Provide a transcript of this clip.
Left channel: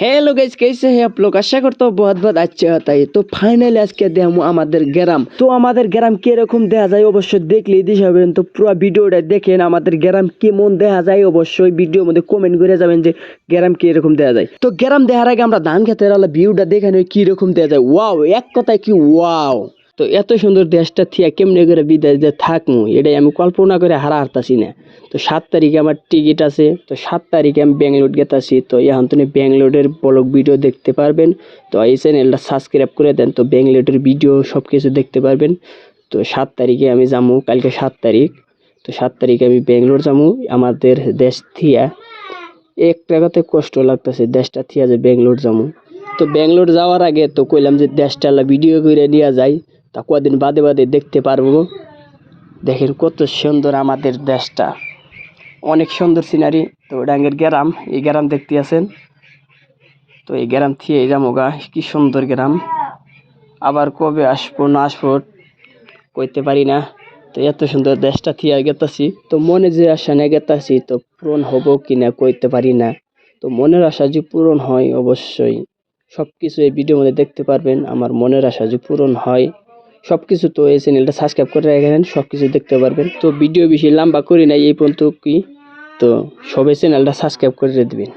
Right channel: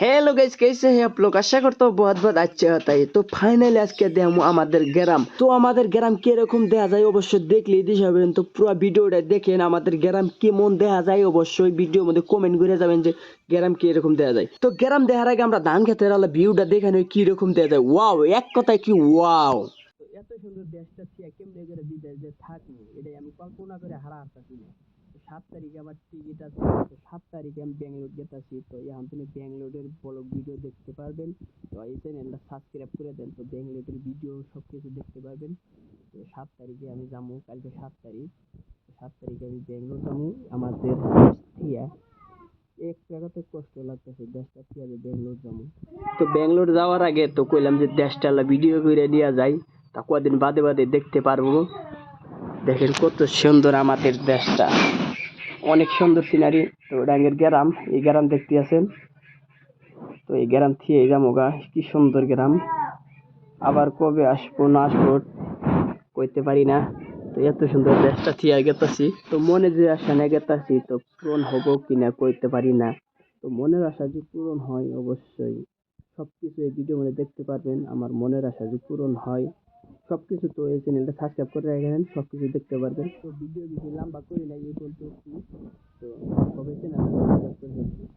Hello guys, कैसे हैं आप लोग। आशा करता हूँ बहुत बहुत अच्छे होता है। तो ফাইনালি আজকে দেখো আমাদের গ্রাম। তো আমাদের গ্রাম কিরকম দেখা যায় অবশ্যই দেখলেই দিশা পাবেন। তো পুরো ভিডিওটা দেখেন আমাদের গ্রাম কেমন দেখা যায় অবশ্যই ভিডিওর মধ্যে কমেন্ট করে যাবেন যে গ্রাম কিরকম দেখা যায়। তো গ্রাম দেখার আগে আমরা ধান খেতের আলা ভিউটা দেখে নিই কিরকম দেখা যায়। ওয়াও, এক কথায় কি ওয়াও। তো এত সুন্দর দেশটা থিয়া কেমনে করে বিদেশ যে থাকমু এটাই আমি কল্পনা করে হারতাছি না। তো 7 তারিখে আমার টিকিট আছে। তো 7 তারিখে আমি ব্যাঙ্গালোর গেতাছি। তো এখন তুমি ব্যাঙ্গালোরের ব্লগ ভিডিও দেখতে পারবেন। তো এই চ্যানেলটা সাবস্ক্রাইব করে দেন, তো ব্যাঙ্গালোরের ভিডিও সব কিছু দেখতে পারবেন। তো 7 তারিখে আমি যাবো, কালকে 7 তারিখ। তো 7 তারিখে আমি ব্যাঙ্গালোর যাবো আমাদের দেশ থিয়া। এক টাকাতে কষ্ট লাগতেছে দেশটা থিয়া যে ব্যাঙ্গালোর যাবো। তো ব্যাঙ্গালোর যাওয়ার আগে তো কইলাম যে দেশটা ভিডিও করে নিয়ে যাই, তা কদিন বাদে বাদে দেখতে পারবো। দেখেন কত সুন্দর আমাদের দেশটা, অনেক সুন্দর সিনারি। তো ডাঙ্গের গ্রাম, এই গ্রাম দেখতে আছেন। তো এই গ্রাম থেকে এই যামোগা, কি সুন্দর গ্রাম। আবার কবে আসবো না আসবো কইতে পারি না। তো এত সুন্দর দেশটা থিয়া গেতাছি, তো মনে যে আশা নিয়ে গেতাছি তো পূরণ হবো কিনা কইতে পারি না। তো মনের আশা যে পূরণ হয় অবশ্যই সব কিছু এই ভিডিওর মধ্যে দেখতে পারবেন। আমার মনের আশা যে পূরণ হয় সব কিছু, তো এই চ্যানেলটা সাবস্ক্রাইব করে রাখেন, সব কিছু দেখতে পারবেন। তো ভিডিও বেশি লম্বা করি নাই, এই পর্যন্ত কি। তো সবাই চ্যানেলটা সাবস্ক্রাইব করে দেবেন।